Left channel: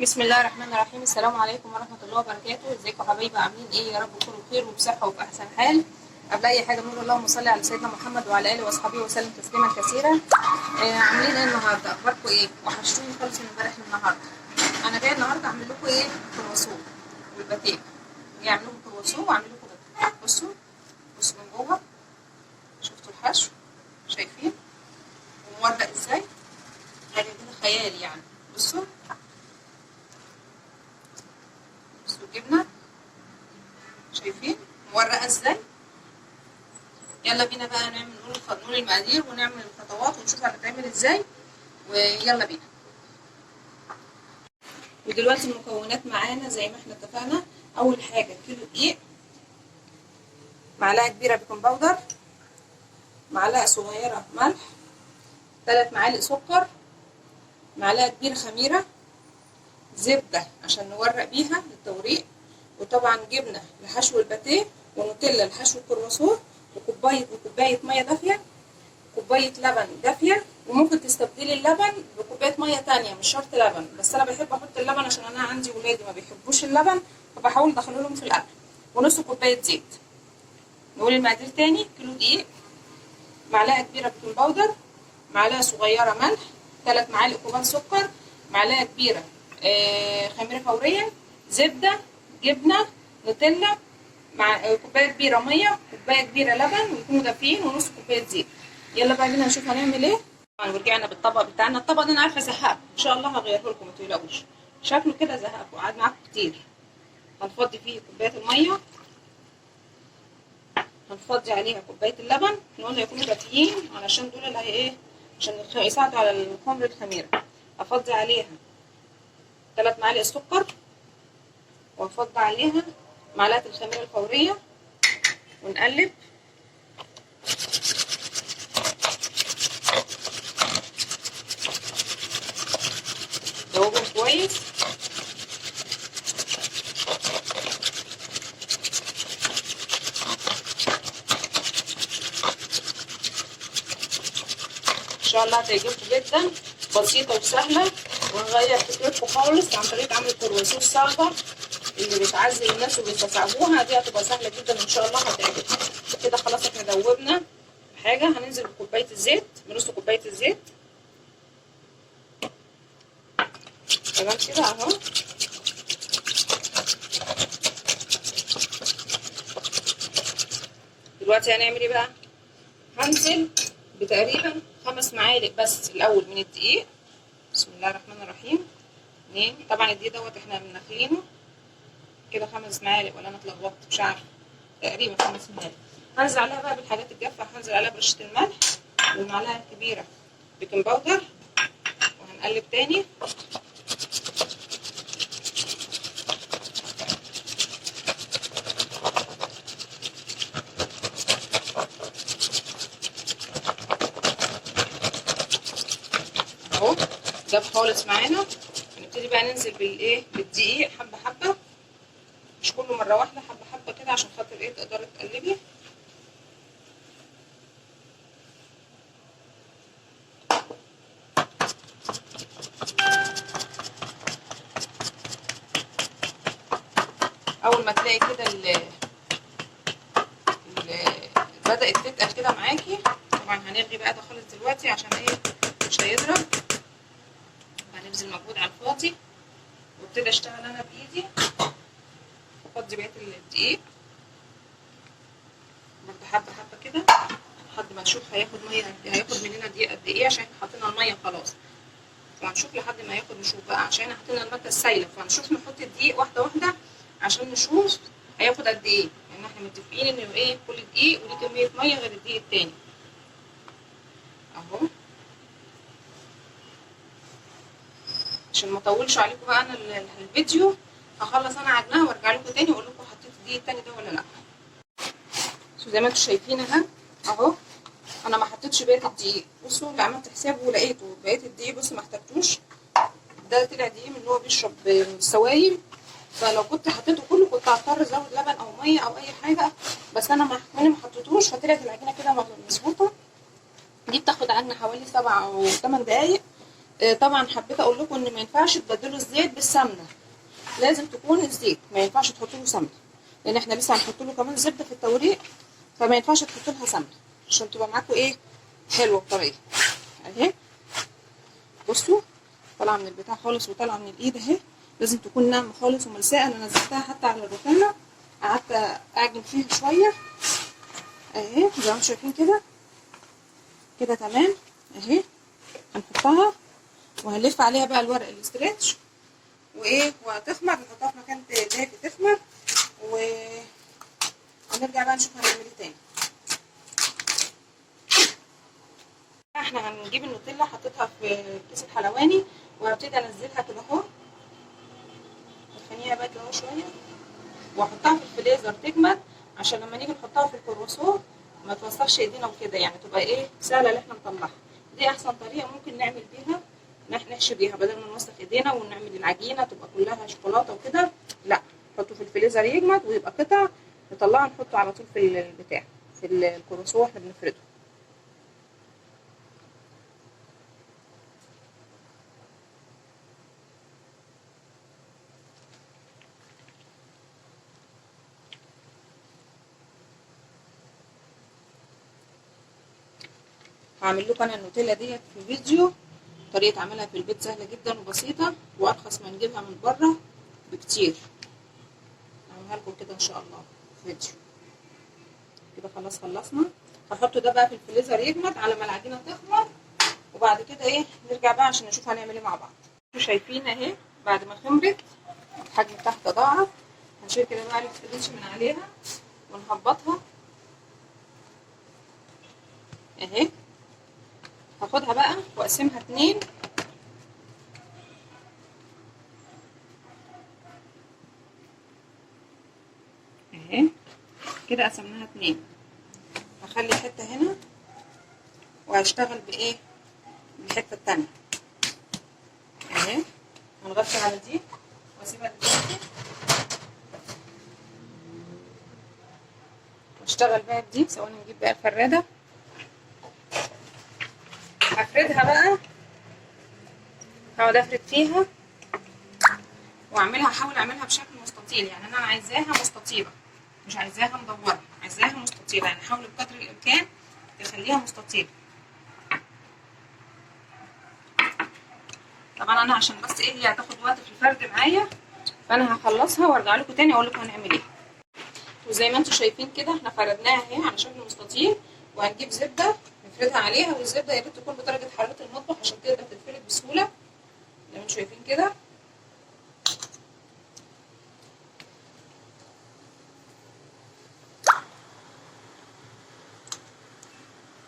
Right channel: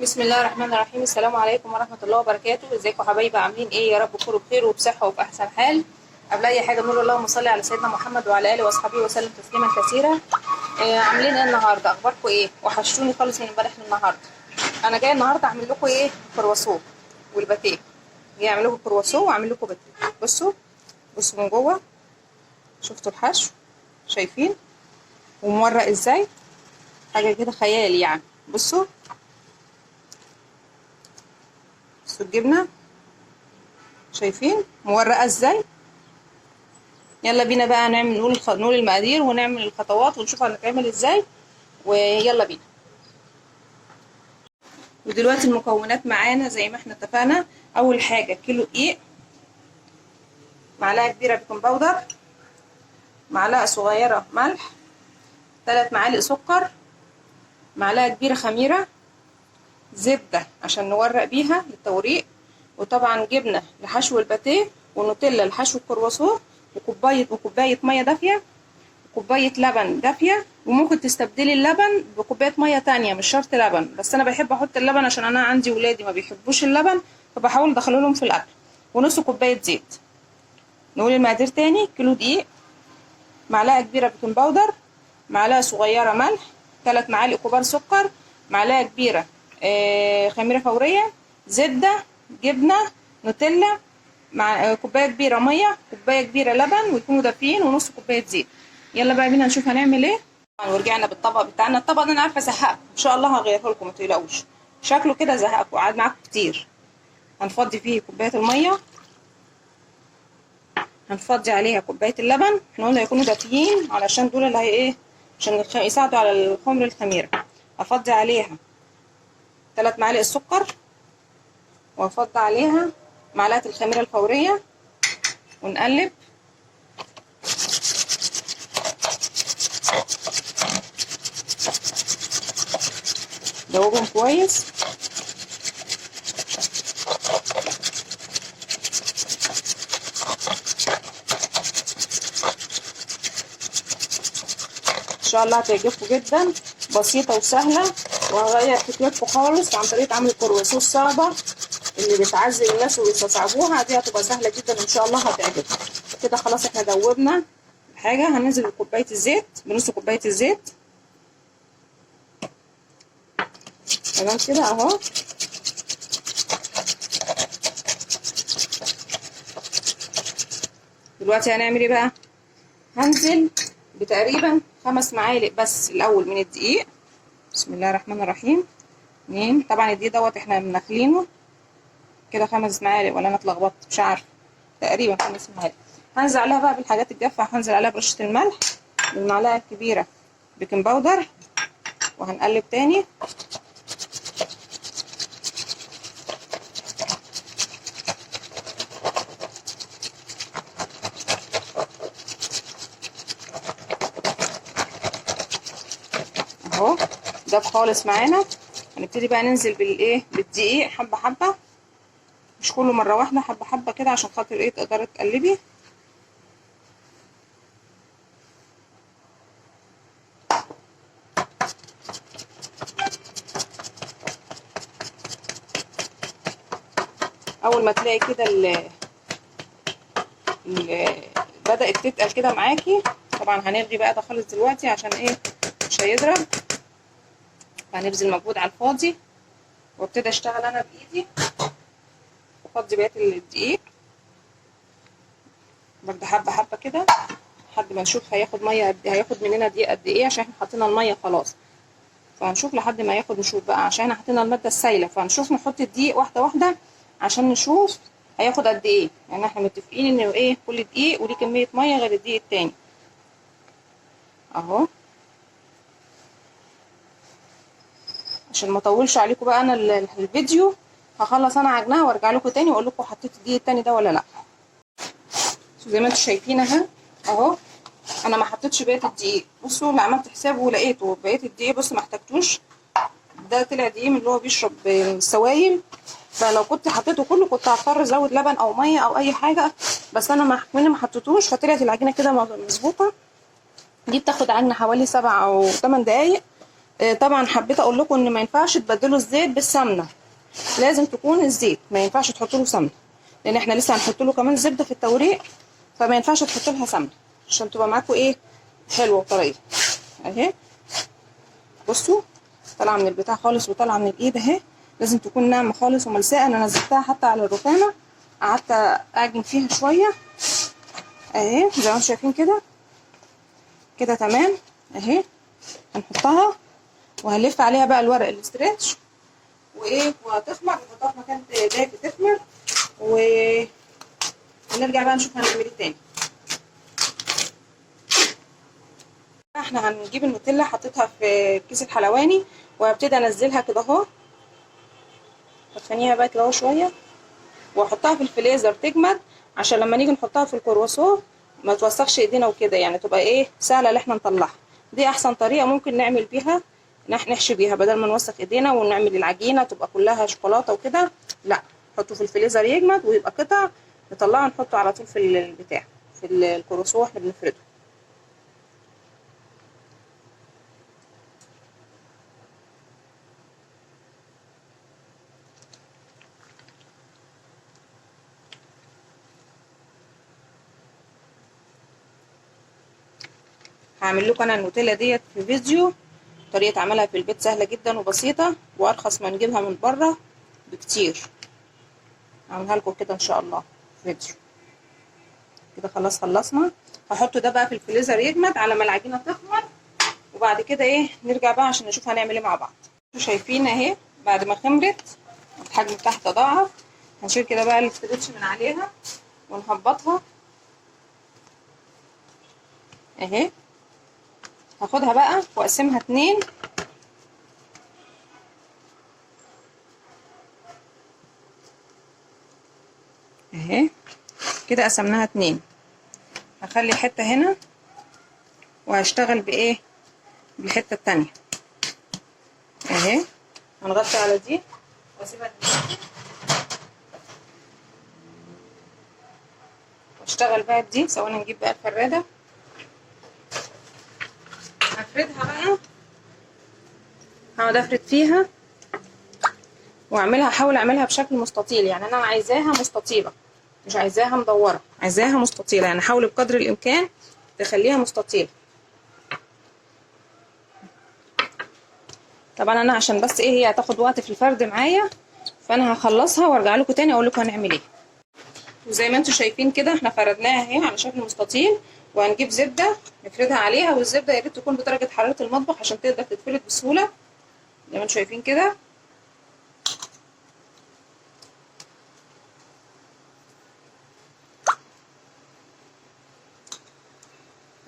بسم الله الرحمن الرحيم. السلام عليكم ورحمة الله وبركاته. ازيكم يا حبايبي؟ عاملين ايه؟ يا رب تكونوا بخير وبصحة وفي احسن حال. قبل اي حاجة نقول اللهم صل على سيدنا محمد وعلى اله واصحابه وسلم تسليما كثيرا. عاملين ايه النهارده؟ اخباركم ايه؟ وحشتوني خالص من امبارح للنهارده. انا جايه النهارده اعمل لكم ايه؟ كرواسون والباتيه. جايه اعمل لكم كرواسون واعمل لكم باتيه. بصوا من جوه. شفتوا الحشو؟ شايفين ومورق ازاي؟ حاجه كده خيال يعني. بصوا الجبنه، شايفين مورقه ازاي؟ يلا بينا بقى نعمل نقول المقادير ونعمل الخطوات ونشوف هنتعمل ازاي، ويلا بينا. ودلوقتي المكونات معانا زي ما احنا اتفقنا. اول حاجه كيلو دقيق، معلقه كبيره بيكنج باودر، معلقه صغيره ملح، 3 معالق سكر، معلقه كبيره خميره، زبده عشان نورق بيها للتوريق، وطبعا جبنه لحشو الباتيه، ونوتيلا لحشو الكرواسون، وكوبايه ميه دافيه، كوبايه لبن دافيه. وممكن تستبدلي اللبن بكوبايه ميه تانية، مش شرط لبن، بس انا بحب احط اللبن عشان انا عندي ولادي ما بيحبوش اللبن، فبحاول ادخله لهم في الاكل. ونص كوبايه زيت. نقول المقادير تاني: كيلو دقيق، معلقه كبيره بيكنج باودر، معلقه صغيره ملح، 3 معالق كبار سكر، معلقه كبيره خميره فوريه، زبده، جبنه، نوتيلا، مع كوبايه كبيره ميه، كوبايه كبيره لبن، ويكونوا دافيين، ونص كوبايه زيت. يلا بقى بينا نشوف هنعمل ايه. ورجعنا بالطبق بتاعنا. الطبق ده انا عارفه زهقكم، ان شاء الله هغيره لكم، ما تقلقوش. شكله كده زهقكم وقعد معاكم كتير. هنفضي فيه كوبايه الميه، هنفضي عليها كوبايه اللبن. احنا قلنا يكونوا دافيين علشان دول اللي هي ايه، عشان يساعدوا على الخمر الخميره. هفضي عليها 3 معالق السكر، وهفضي عليها معلقه الخميره الفوريه، ونقلب. دوبهم كويس. ان شاء الله هتعجبكم جدا، بسيطه وسهله، وهغير فكرتكم خالص عن طريقه عمل الكرواسون الصعبه اللي بتعذب الناس وبيستصعبوها. دي هتبقى سهله جدا وان شاء الله هتعجبكم. كده خلاص احنا دوبنا الحاجه. هننزل بكوبايه الزيت، بنص كوبايه الزيت. تمام كده اهو. دلوقتي هنعمل ايه بقى؟ هنزل بتقريبا 5 معالق بس الاول من الدقيق. بسم الله الرحمن الرحيم. 2. طبعا الدقيق دوت احنا منخلينه كده 5 معالق، ولا انا اتلخبطت؟ مش عارفه، تقريبا 5 معالق. هنزل عليها بقى بالحاجات الجافه. هنزل عليها برشه الملح، والمعلقه الكبيره بيكنج باودر، وهنقلب تاني. اهو داب خالص معانا. هنبتدي بقى ننزل بالدقيق حبه حبه، مش كله مره واحده، حبه حبه كده، عشان خاطر ايه تقدري تقلبي. اول ما تلاقي كده بدأت تتقل كده معاكي، طبعا هنلغي بقى ده خالص دلوقتي عشان ايه مش هيضرب، فهنبذل مجهود على الفاضي. وابتدي اشتغل انا بايدي، افضي بقيه الدقيق برده حبه حبه كده، لحد ما نشوف هياخد ميه هياخد مننا دقيق قد ايه، عشان احنا حطينا الميه خلاص. فهنشوف لحد ما ياخد، نشوف بقى عشان احنا حطينا الماده السايله، فهنشوف نحط الدقيق واحده واحده عشان نشوف هياخد قد ايه. يعني احنا متفقين ان ايه كل دقيق وليه كميه ميه غير الدقيق التاني. اهو عشان ما اطولش عليكم بقى انا الفيديو، هخلص انا عجنها وارجع لكم تاني واقول لكم حطيت الدقيق التاني ده ولا لا. زي ما انتم شايفين اهو انا ما حطيتش بقيه الدقيق. بصوا انا عملت حسابه ولقيته بقيه الدقيق، بصوا ما احتاجتوش. ده طلع دقيق من اللي هو بيشرب السوائل، فلو كنت حطيته كله كنت هضطر ازود لبن او ميه او اي حاجه، بس انا ما حطيتوش، فطلعت العجينه كده مظبوطه. دي بتاخد عنا حوالي 7 أو 8 دقايق طبعا حبيت اقول لكم ان ما ينفعش تبدلوا الزيت بالسمنه، لازم تكون الزيت، ما ينفعش تحطوا له سمنه، لان احنا لسه هنحط له كمان زبده في التوريق، فما ينفعش تحطوا لها سمنه عشان تبقى معاكم ايه، حلوه وطريه. اهي بصوا طالعه من البتاع خالص وطالعه من الايد اهي، لازم تكون ناعمه خالص وملساءه. انا نزلتها حتى على الرخامه، قعدت اعجن فيها شويه اهي زي ما انتم شايفين كده، كده تمام اهي. هنحطها وهنلف عليها بقى الورق الاسترتش وايه، وهتخمر، نحطها في مكان دافي تخمر، وهنرجع بقى نشوف هنعمل ايه تاني. احنا هنجيب النوتيلا، حطيتها في كيس الحلواني وهبتدي انزلها كده اهو، هتخنيها بقى كده اهو شويه، واحطها في الفريزر تجمد عشان لما نيجي نحطها في الكرواسون ما توسخش ايدينا وكده، يعني تبقى ايه سهله ان احنا نطلعها. دي احسن طريقه ممكن نعمل بيها، نحشي بيها بدل ما نوسخ ايدينا ونعمل العجينه تبقى كلها شوكولاته وكده. لا، نحطه في الفريزر يجمد ويبقى قطع، نطلعه نحطه على طول في البتاع، في الكرواسون واحنا بنفرده. هعمل لكم انا النوتيلا ديت في فيديو، طريقه عملها في البيت سهله جدا وبسيطه وارخص ما نجيبها من بره بكتير. هعملها لكم كده ان شاء الله في فيديو. كده خلاص خلصنا، هحطه ده بقى في الفريزر يجمد على ما العجينه تخمر، وبعد كده ايه نرجع بقى عشان نشوف هنعمل ايه مع بعض. شايفين اهي بعد ما خمرت الحجم بتاعها تضاعف، هنشيل كده بقى الاسترتش من عليها ونهبطها اهي. هاخدها بقى واقسمها 2 اهي كده، قسمناها 2. هخلي حته هنا وهشتغل بايه، بالحته التانية اهي. هنغطي على دي واسيبها تتسخن، واشتغل بقى بدي. ثواني نجيب بقى الفراده، هفردها بقى، هقعد افرد فيها واعملها، احاول اعملها بشكل مستطيل، يعني انا عايزاها مستطيله مش عايزاها مدوره، عايزاها مستطيله، يعني حاول بقدر الامكان تخليها مستطيله. طبعا انا عشان بس ايه هي هتاخد وقت في الفرد معايا، فانا هخلصها وارجع لكم تاني اقول لكم هنعمل ايه. وزي ما انتم شايفين كده احنا فردناها اهي على شكل مستطيل، وهنجيب زبده نفردها عليها، والزبده يا ريت تكون بدرجه حراره المطبخ عشان تقدر تتفرد بسهوله زي ما انتم شايفين كده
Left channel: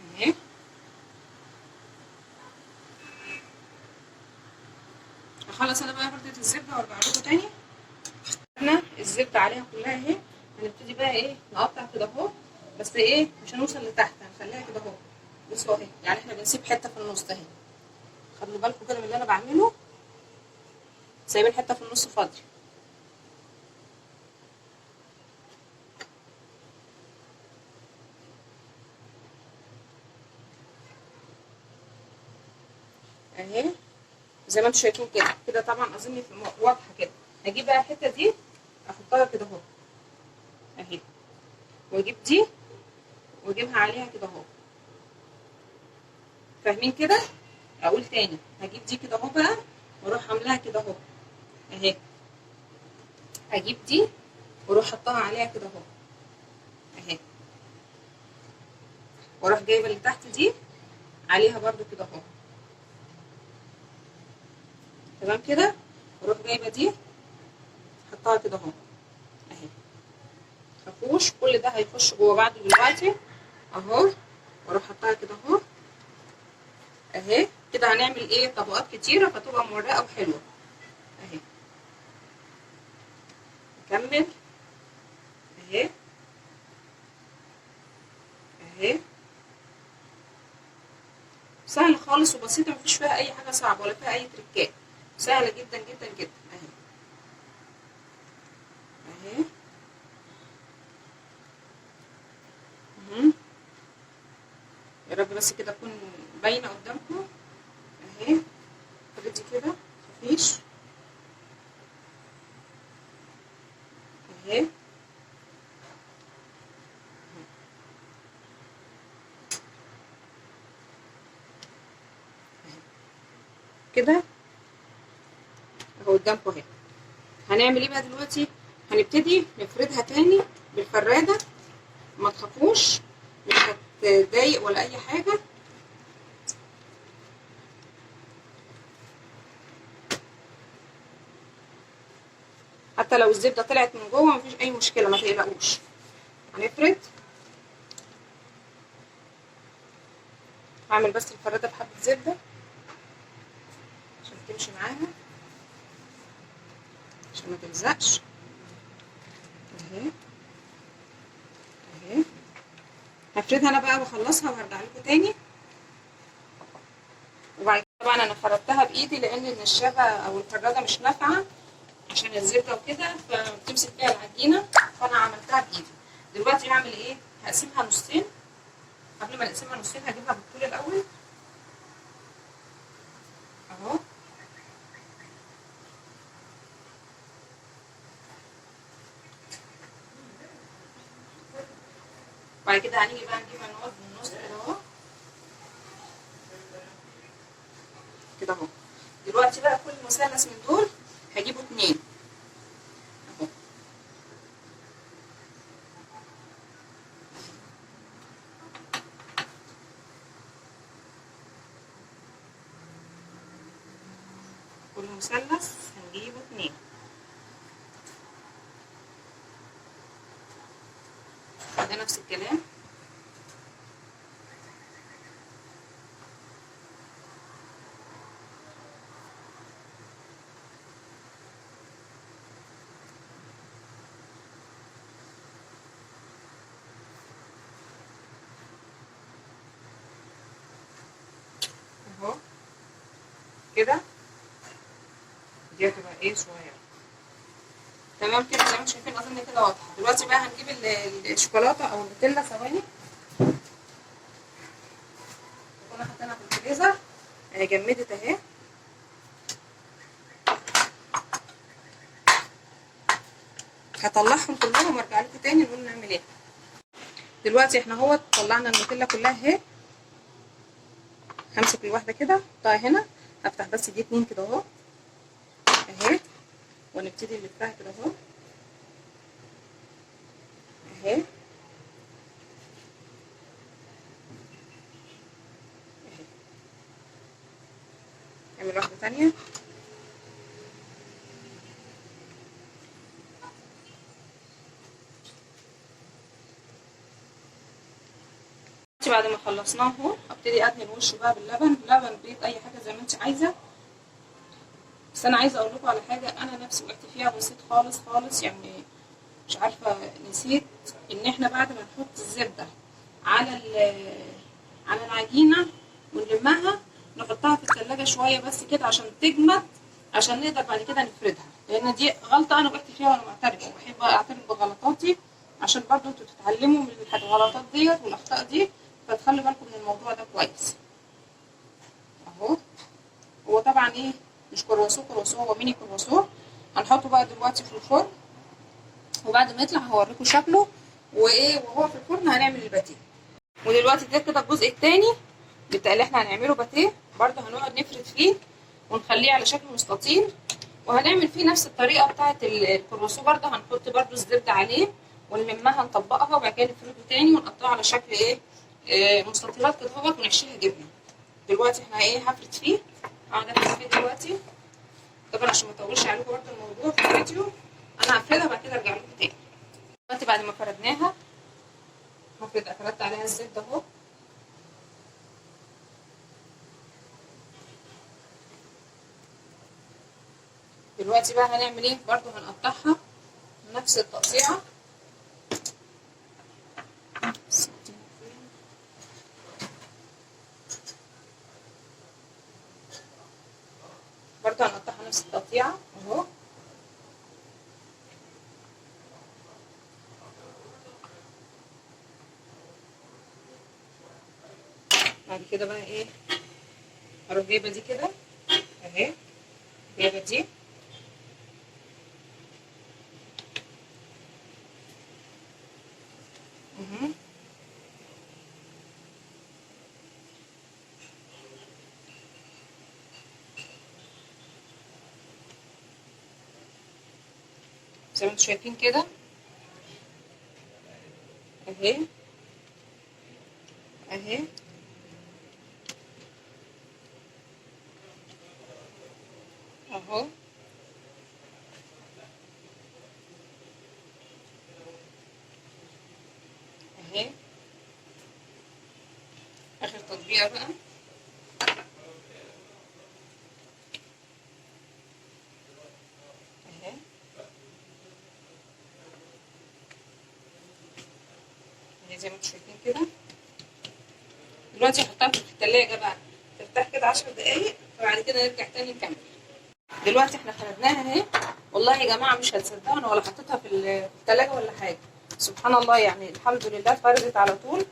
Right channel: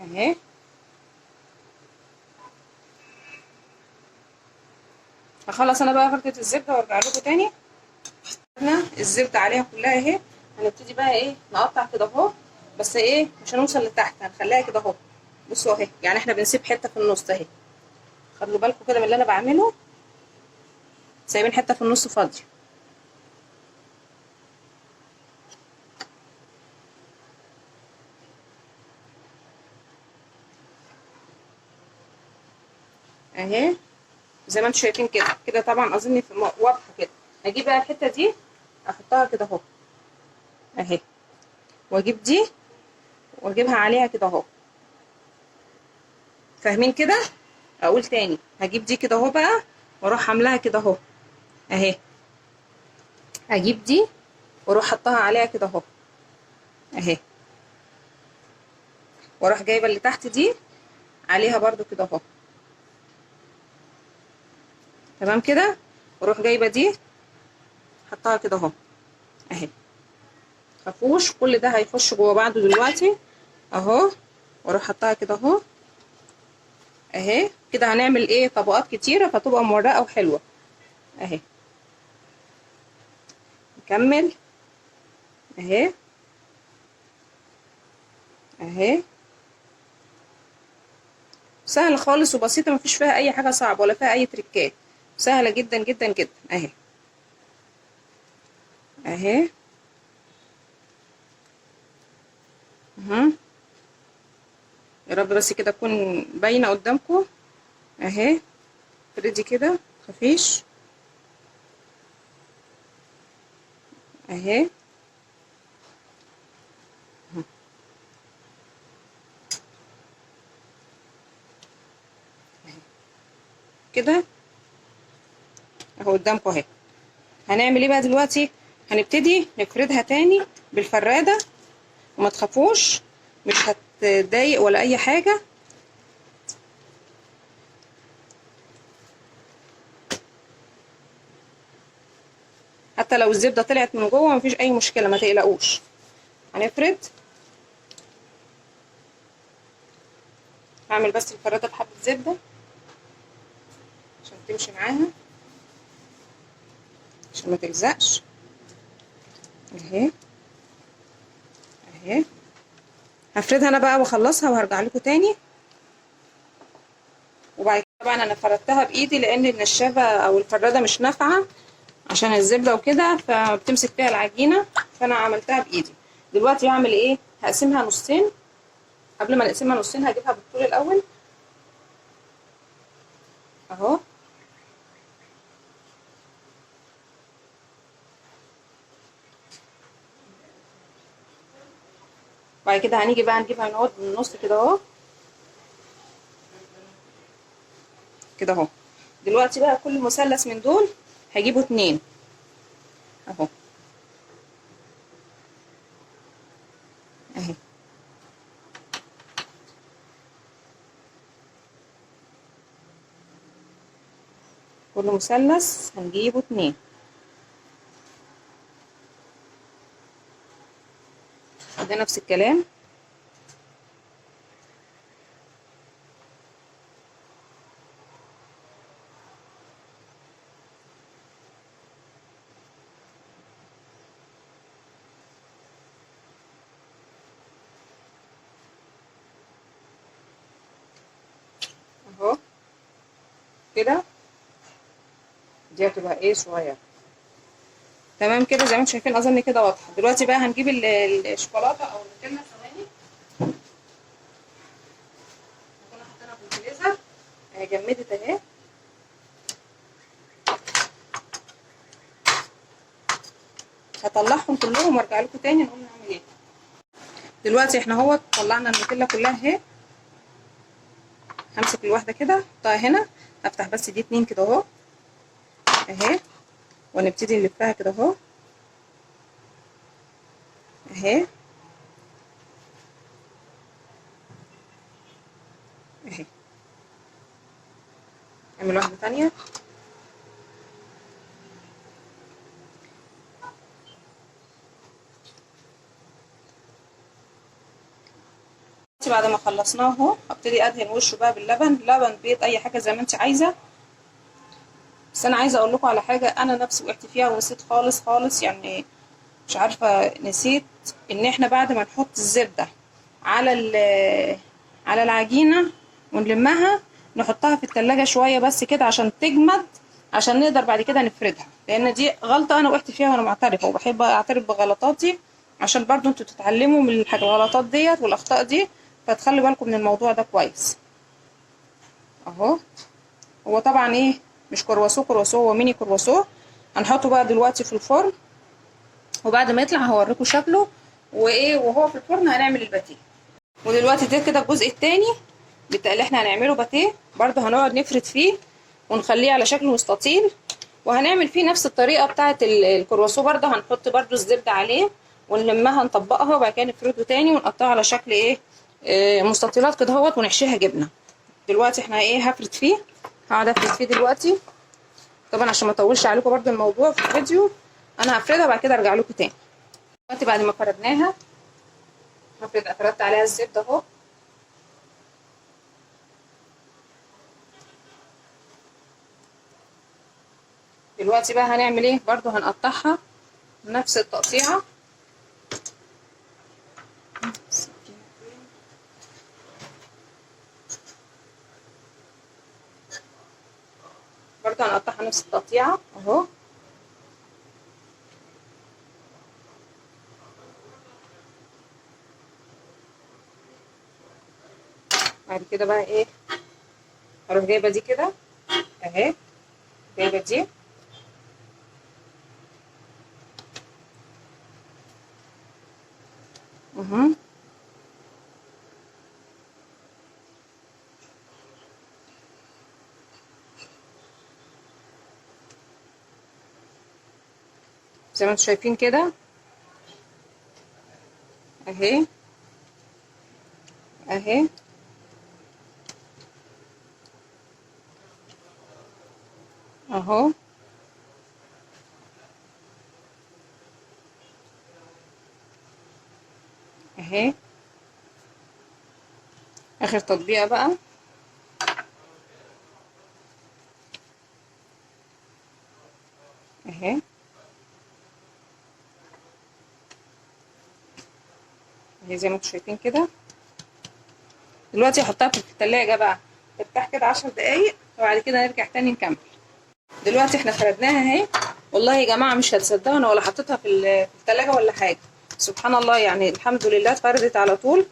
اهي. هخلص انا بقى فردة الزبده وارجع لكم تاني. الزبده عليها كلها اهي، هنبتدي بقى ايه نقطع كده اهو، بس ايه مش هنوصل لتحت، هنخليها كده اهو. بصوا اهي، يعني احنا بنسيب حته في النص اهي، خدوا بالكم كده من اللي انا بعمله، سايبين حته في النص فاضيه اهي زي ما انتم شايفين كده. كده طبعا اظن واضحه كده. هجيب بقى الحته دي احطها كده اهو اهي، واجيب دي واجيبها عليها كده اهو، فاهمين كده؟ اقول تاني، هجيب دي كده اهو بقى واروح عاملاها كده اهو اهي، اجيب دي واروح حطها عليها كده اهو اهي، واروح جايبه اللي تحت دي عليها برده كده اهو، تمام كده. واروح جايبه دي حطها كده اهو اهي، مفهوش كل ده هيخش جوه بعضه دلوقتي اهو، واروح حطها كده اهو اهي. كده هنعمل ايه طبقات كتيره فتبقى مورقه وحلوه اهي. نكمل اهي اهي، سهل خالص وبسيطه، مفيش فيها اي حاجه صعبه ولا فيها اي تريكات، سهله جدا جدا جدا اهي اهي اهو. يا رب بس كده تكون باينه قدامكم اهي افردي كده مفيش اهي كده اهو قدامكم اهي. هنعمل ايه بقى دلوقتي؟ هنبتدي نفردها تاني بالفرادة، وما تخافوش مش هتضايق ولا اي حاجة. حتى لو الزبدة طلعت من جوه مفيش اي مشكلة، ما تقلقوش. هنفرد، هعمل بس الفرادة بحبة زبدة عشان تمشي معاها، عشان ما تلزقش اهي اهي. هفردها انا بقى واخلصها وهرجع لكم تاني. وبعد كده طبعا انا فردتها بايدي لان النشابه او الفراده مش نافعه عشان الزبده وكده، فبتمسك فيها العجينه، فانا عملتها بايدي. دلوقتي هعمل ايه؟ هقسمها نصين. قبل ما نقسمها نصين هجيبها بالطول الاول اهو، بعد كده هنيجي بقى نجيبها نقعد من النص كده اهو كده اهو. دلوقتي بقى كل مثلث من دول هجيبه 2 اهو اهي. كل مثلث هنجيبه 2. ده نفس الكلام اهو كده. دي هتبقى ايه صغيره تمام كده زي ما انتم شايفين. اظن كده واضحه. دلوقتي بقى هنجيب الشوكولاته او النوتيلا. ثواني كنا حاطينها في الفريزر اهي، جمدت اهي. هطلعهم كلهم وارجع لكم تاني نقول نعمل ايه. دلوقتي احنا اهو طلعنا النوتيلا كلها اهي. همسك الواحده كده احطها هنا، افتح بس دي 2 كده اهو اهي، ونبتدي نلفها كده اهو اهي اهي. نعمل واحده تانيه بعد ما خلصناه اهو. هبتدي ادهن وشه بقى باللبن، لبن بيض اي حاجه زي ما انت عايزه. بس انا عايزه اقول لكم على حاجه انا نفسي وقعت فيها ونسيت خالص خالص، يعني مش عارفه نسيت ان احنا بعد ما نحط الزبده على على العجينه ونلمها نحطها في التلاجة شويه بس كده عشان تجمد، عشان نقدر بعد كده نفردها. لان دي غلطه انا وقعت فيها وانا معترفه، وبحب اعترف بغلطاتي عشان برضو انتوا تتعلموا من الغلطات ديت والاخطاء دي، فتخلوا بالكم من الموضوع ده كويس اهو. هو طبعا ايه مش كرواسو كرواسو، هو ميني كرواسو. هنحطه بقى دلوقتي في الفرن، وبعد ما يطلع هوريكم شكله وايه وهو في الفرن هنعمل الباتيه. ودلوقتي ده كده الجزء التاني بتاع اللي احنا هنعمله باتيه. برده هنقعد نفرد فيه ونخليه على شكل مستطيل، وهنعمل فيه نفس الطريقه بتاعه الكرواسو. برده هنحط برده الزبده عليه ونلمها نطبقها، وبعد كده نفرده تاني ونقطعها على شكل ايه مستطيلات كده اهوت، ونحشيها جبنه. دلوقتي احنا ايه هفرد فيه، هقعد افرد فيه دلوقتي طبعا عشان ما اطولش عليكم برده الموضوع في الفيديو. انا هفردها وبعد كده ارجع لكم تاني. دلوقتي بعد ما فردناها فردت عليها الزبده اهو. دلوقتي بقى هنعمل ايه؟ برده هنقطعها نفس التقطيعه. برده هنقطعها نفس التقطيعه اهو. بعد كده بقى ايه هروح جايبه دي كده اهي جايبه دي زي ما انتم شايفين كده اهي اهي اهو اهي. اخر تطبيقه بقى اهي اهي زي ما انتم شايفين كده. دلوقتي هحطها في التلاجة بقى ترتاح كده 10 دقايق وبعد كده نرجع تاني نكمل. دلوقتي احنا فردناها اهي. والله يا جماعه مش هتصدقوا انا ولا حطيتها في التلاجة ولا حاجه، سبحان الله يعني الحمد لله اتفردت على طول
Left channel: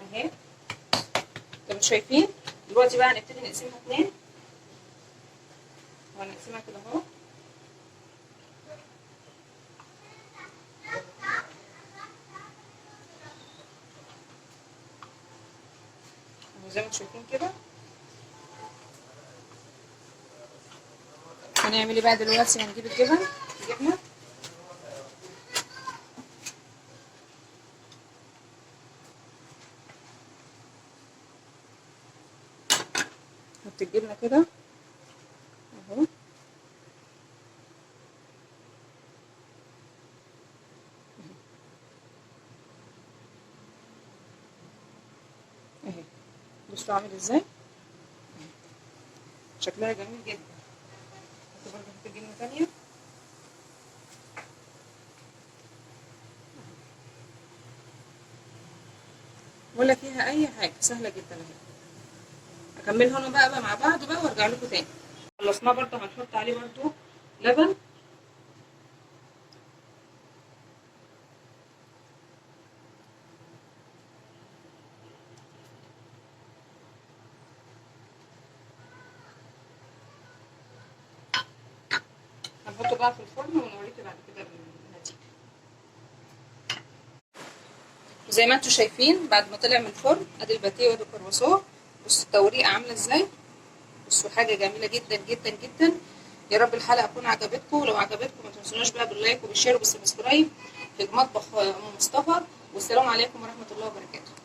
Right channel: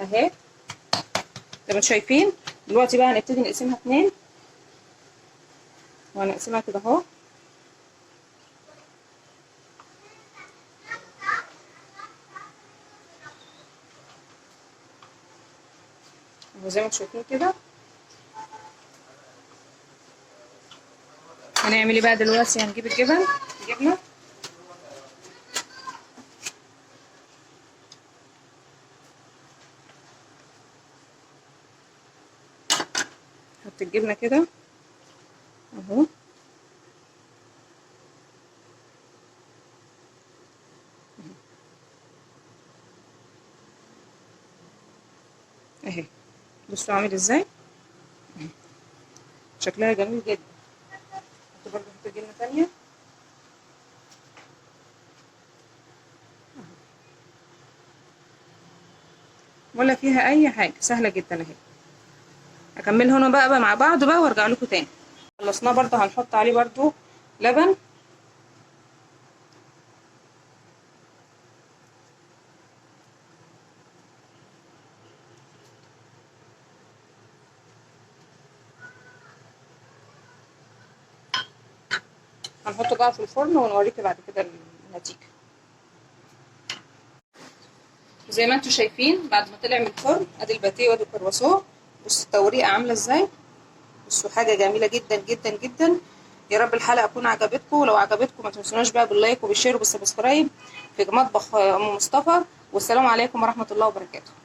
اهي زي ما انتم شايفين. دلوقتي بقى هنبتدي نقسمها 2 وهنقسمها كده اهو زي ما انتم شايفين كده. هنعمل ايه بقى دلوقتي؟ هنجيب الجبنه نحط الجبنه كده اهو اهي. بصوا عامل ازاي، شكلها جميل جدا. نحط برضه جبنه تانيه ولا فيها اي حاجه، سهله جدا اهي. هكملها هنا بقى مع بعض بقى وارجع لكم تاني. خلصناه برضه هنحط عليه برضه لبن هنحطه بقى في الفرن ونوريكي بعد كده النتيجه. زي ما انتم شايفين بعد ما طلع من الفرن ادي الباتيه وادي الكرواسون. بصوا التوريقه عامله ازاي، بصوا حاجه جميله جدا جدا جدا. يا رب الحلقه تكون عجبتكم، ولو عجبتكم ما تنسوناش بقى باللايك وبالشير وبالسبسكرايب في مطبخ ام مصطفى. والسلام عليكم ورحمه الله وبركاته.